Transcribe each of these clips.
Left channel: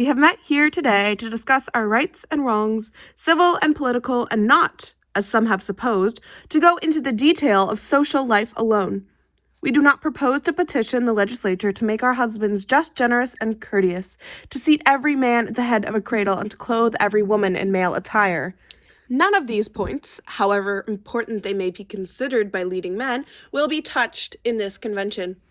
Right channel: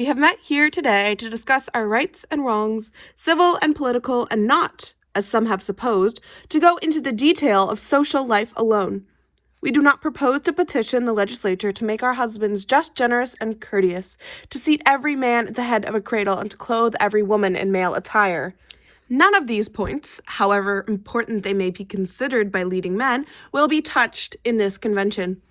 We have met here today to discuss our rights and wrongs, civil and political, and not, as some have supposed, to go into the detail of social life alone. We do not propose to petition the legislature to make our husbands just, generous, and courteous, to seat every man at the head of a cradle, and to clothe every woman in male attire. None of these points, however important they may be considered by leading men, will be touched in this convention.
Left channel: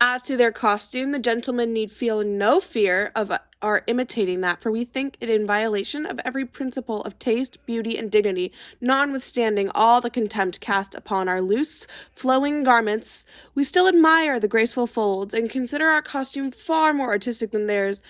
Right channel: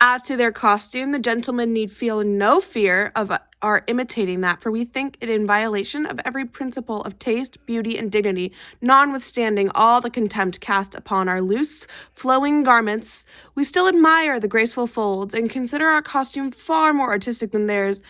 As to their costume, the gentlemen need feel no fear of our imitating that, for we think it in violation of every principle of taste, beauty, and dignity, notwithstanding all the contempt cast upon our loose, flowing garments. We still admire the graceful folds, and consider our costume far more artistic than theirs.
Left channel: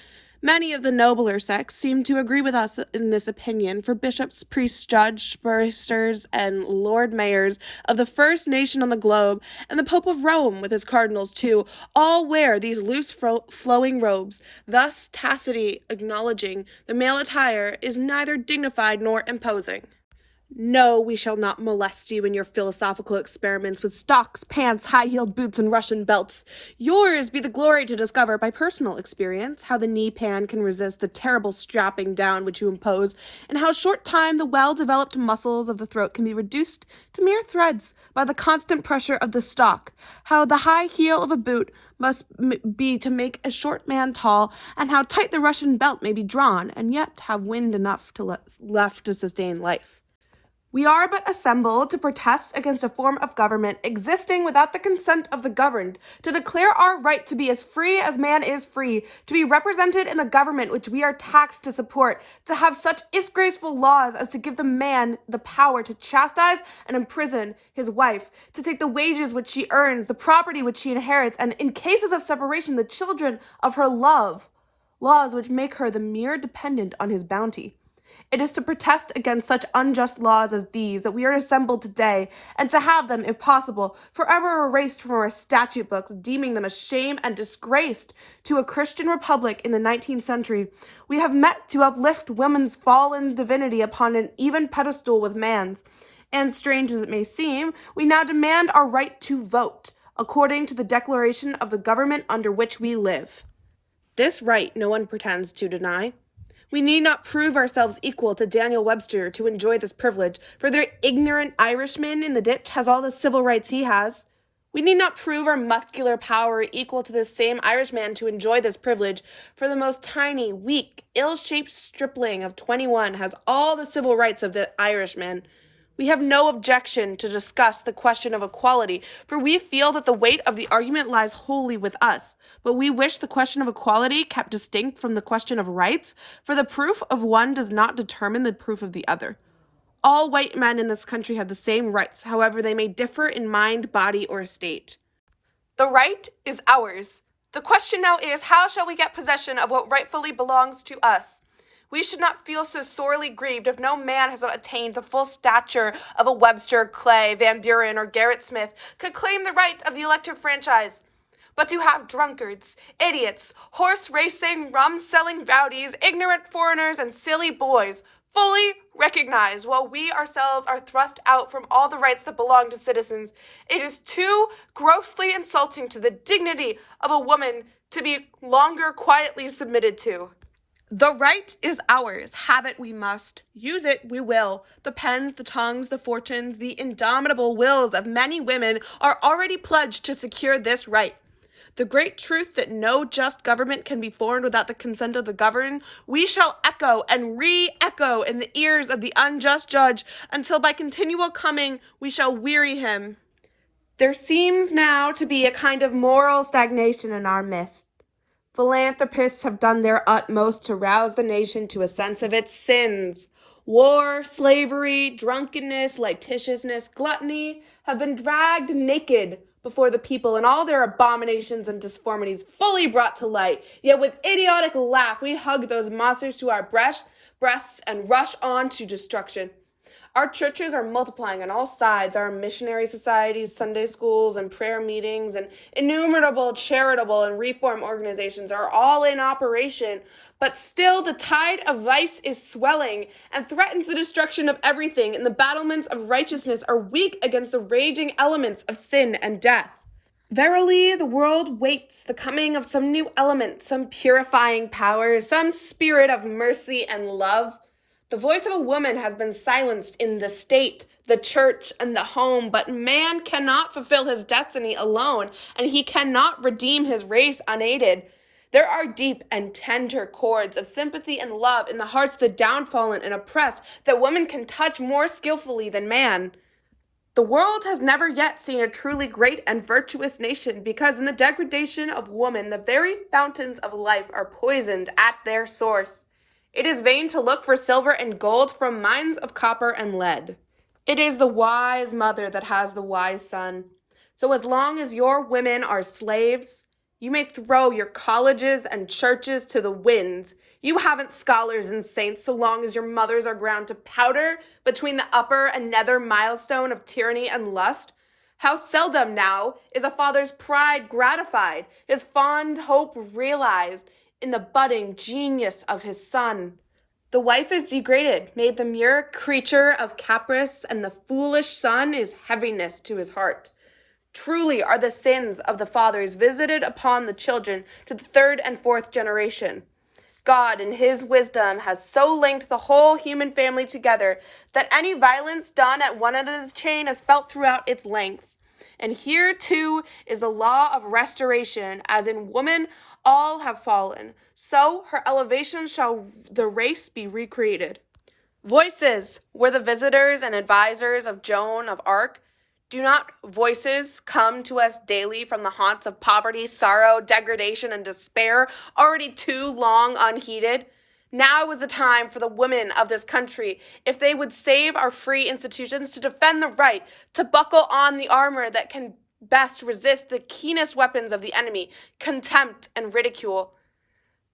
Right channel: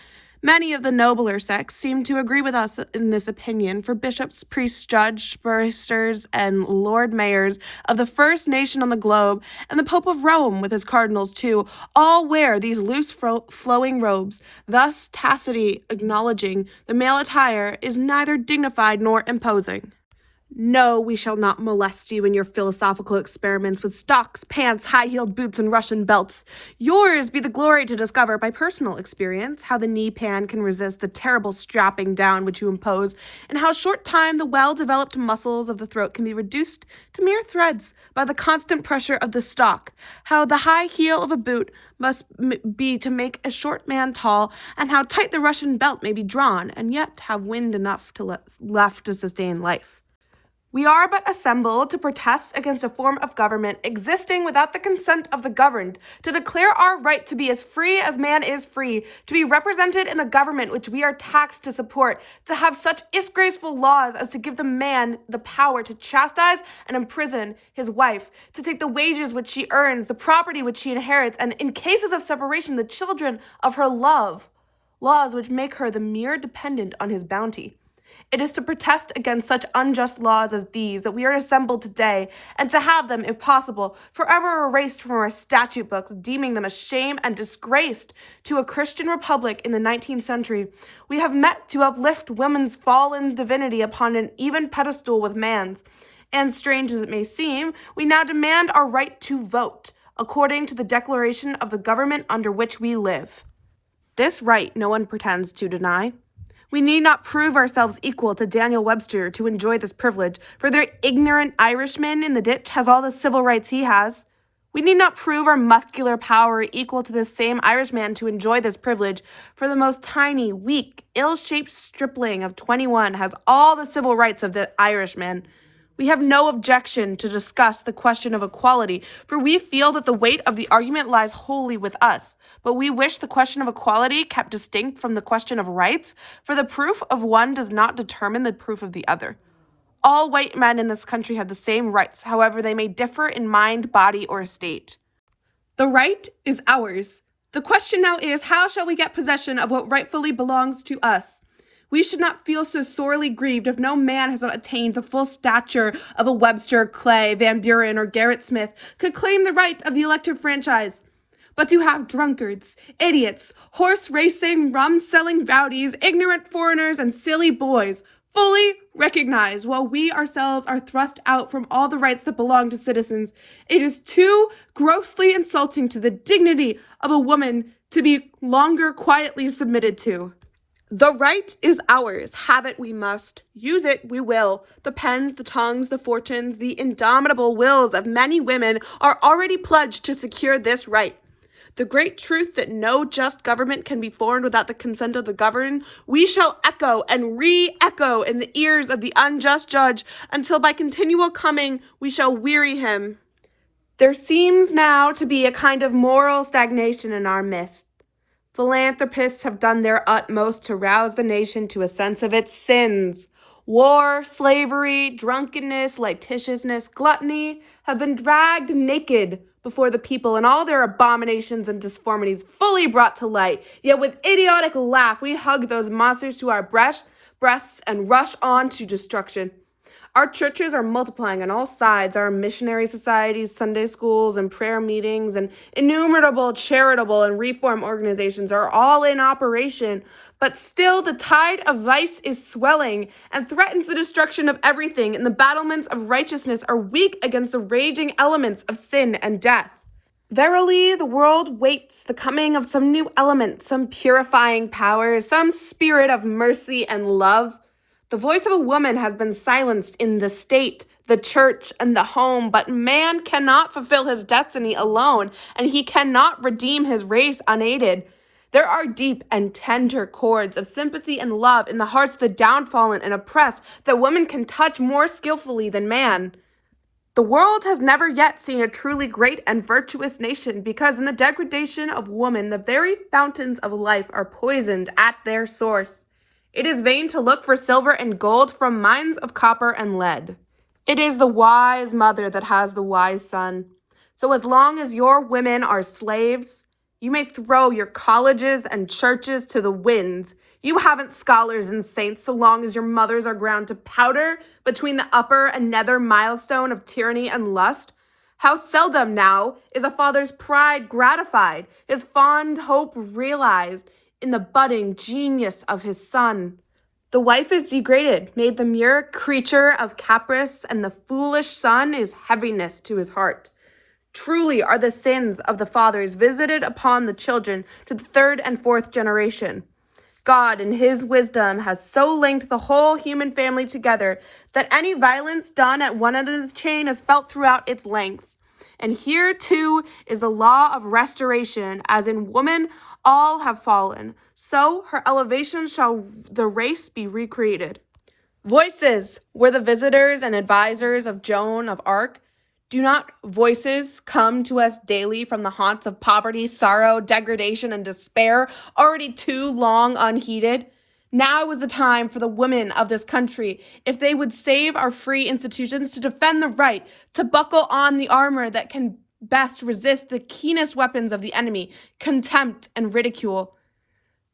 Many of the nobler sex seem to agree with us in this opinion, for bishops, priests, judges, barristers, and lord mayors of the first nation on the globe, and the Pope of Rome with his cardinals too, all wear these loose flowing robes, thus tacitly acknowledging the male attire is neither dignified nor imposing. No, we shall not molest you in your philosophical experiments with stocks, pants, high-heeled boots, and Russian belts. Yours be the glory to discover by personal experience how the knee-pan can resist the terrible strapping down which you impose, and how short time the well-developed muscles of the throat can be reduced to mere threads by the constant pressure of the stock, how the high heel of a boot must be to make a short man tall, and how tight the Russian belt may be drawn, and yet have wind enough left to sustain life. We are but assembled to protest against a form of government existing without the consent of the governed, to declare our right to be as free as man is free, to be represented in the government which we are taxed to support, to have such disgraceful laws as to give the man the power to chastise and imprison his wife, to take the wages which she earns, the property which she inherits, and in cases of separation, the children of her love, laws which make her the mere dependent on his bounty. It is to protest against such unjust laws as these that we are assembled today, and to have them, if possible, forever erased from our statute books, deeming them a shame and disgrace to a Christian republic in the 19th century. We have met to uplift woman's fallen divinity upon an even pedestal with man's. And strange as it may seem, we now demand our right to vote, according to the declaration of the government under which we live. This right no one pretends to deny. We need not prove ourselves equal to Daniel Webster to enjoy this privilege, for the ignorant Irishman in the ditch has all the civil rights he has. We need not prove our muscular power equal to this same Irishman to enjoy this privilege, for the most tiny, weak, ill-shaped stripling of 21 has all the civil rights of the Irishman. We have no objection to discuss the question of equality, for we feel that the weight of the argument lies wholly with us. But we wish the question of equality kept distinct from the question of rights, for the proof of one does not determine the proof of the other. All white men in this country have the same rights, however they may differ in mind, body, or estate. The right is ours. The question now is, how shall we get possession of what rightfully belongs to us? We should not feel so sorely grieved if no man has not attained the full stature of a Webster, Clay, Van Buren, or Gerrit Smith could claim the right of the elective franchise. But to have drunkards, idiots, horse-racing, rum-selling rowdies, ignorant foreigners, and silly boys fully recognized while we ourselves are thrust out from all the rights that belong to citizens, it is too grossly insulting to the dignity of a woman to be longer quietly submitted to. The right is ours. Have it we must. Use it we will. The pens, the tongues, the fortunes, the indomitable wills of many women are already pledged to secure this right. The great truth that no just government can be formed without the consent of the governed, we shall echo and re-echo in the ears of the unjust judge until by continual coming we shall weary him. There seems now to be a kind of moral stagnation in our midst. Philanthropists have done their utmost to rouse the nation to a sense of its sins. War, slavery, drunkenness, licentiousness, gluttony have been dragged naked before the people, and all their abominations and disformities fully brought to light. Yet with idiotic laugh we hug those monsters to our breasts and rush on to destruction. Our churches are multiplying on all sides. Our missionary societies, Sunday schools, and prayer meetings, and innumerable charitable and reform organizations are all in operation. But still the tide of vice is swelling and threatens the destruction of everything, and the battlements of righteousness are weak against the raging elements of sin and death. Verily, the world waits the coming of some new element, some purifying power, some spirit of mercy and love. The voice of a woman has been silenced in the state, the church, and the home, but man cannot fulfill his destiny alone, and he cannot redeem his race unaided. There are deep and tender chords of sympathy and love in the hearts of the downtrodden and oppressed that woman can touch more skillfully than man. The world has never yet seen a truly great and virtuous nation because in the degradation of woman, the very fountains of life are poisoned at their source. It is vain to look for silver and gold from mines of copper and lead. It is the wise mother that has the wise son. So as long as your women are slaves, you may throw your colleges and churches to the winds. You haven't scholars and saints so long as your mothers are ground to powder between the upper and nether milestone of tyranny and lust. How seldom now is a father's pride gratified, his fond hope realized in the budding genius of his son. The wife is degraded, made the mere creature of caprice, and the foolish son is heaviness to his heart. Truly are the sins of the fathers visited upon the children to the third and fourth generation. God, in his wisdom, has so linked the whole human family together that any violence done at one end of the chain is felt throughout its length. And here, too, is the law of restoration, as in woman all have fallen, so her elevation shall the race be recreated. Voices were the visitors and advisors of Joan of Arc. Do not voices come to us daily from the haunts of poverty, sorrow, degradation, and despair, already too long unheeded? Now is the time for the women of this country, if they would save our free institutions, to defend the right, to buckle on the armor that can best resist the keenest weapons of the enemy, contempt and ridicule.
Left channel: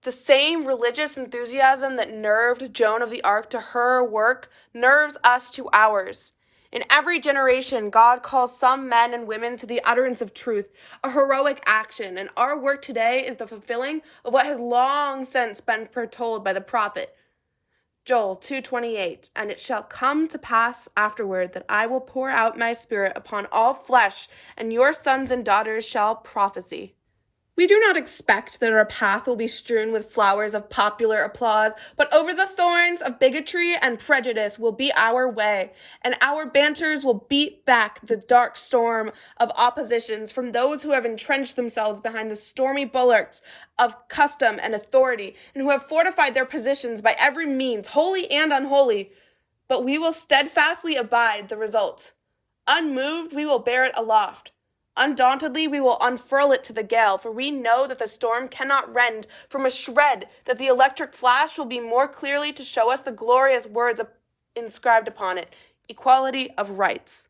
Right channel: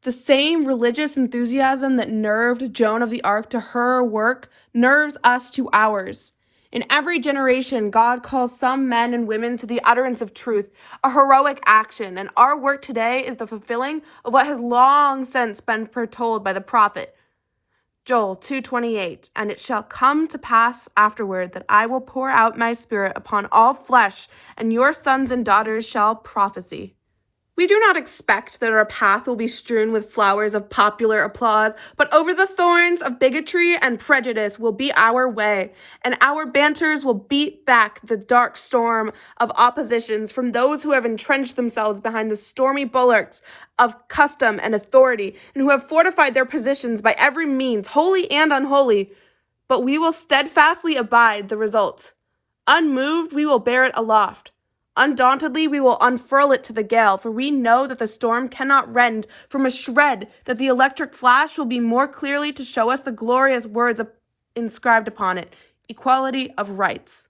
The same religious enthusiasm that nerved Joan of the Arc to her work nerves us to ours. In every generation, God calls some men and women to the utterance of truth, a heroic action, and our work today is the fulfilling of what has long since been foretold by the prophet. Joel 2:28, and it shall come to pass afterward that I will pour out my spirit upon all flesh, and your sons and daughters shall prophesy. We do not expect that our path will be strewn with flowers of popular applause, but over the thorns of bigotry and prejudice will be our way, and our banters will beat back the dark storm of oppositions from those who have entrenched themselves behind the stormy bulwarks of custom and authority, and who have fortified their positions by every means, holy and unholy. But we will steadfastly abide the result. Unmoved, we will bear it aloft. Undauntedly, we will unfurl it to the gale, for we know that the storm cannot rend from a shred, that the electric flash will be more clearly to show us the glorious words inscribed upon it, equality of rights.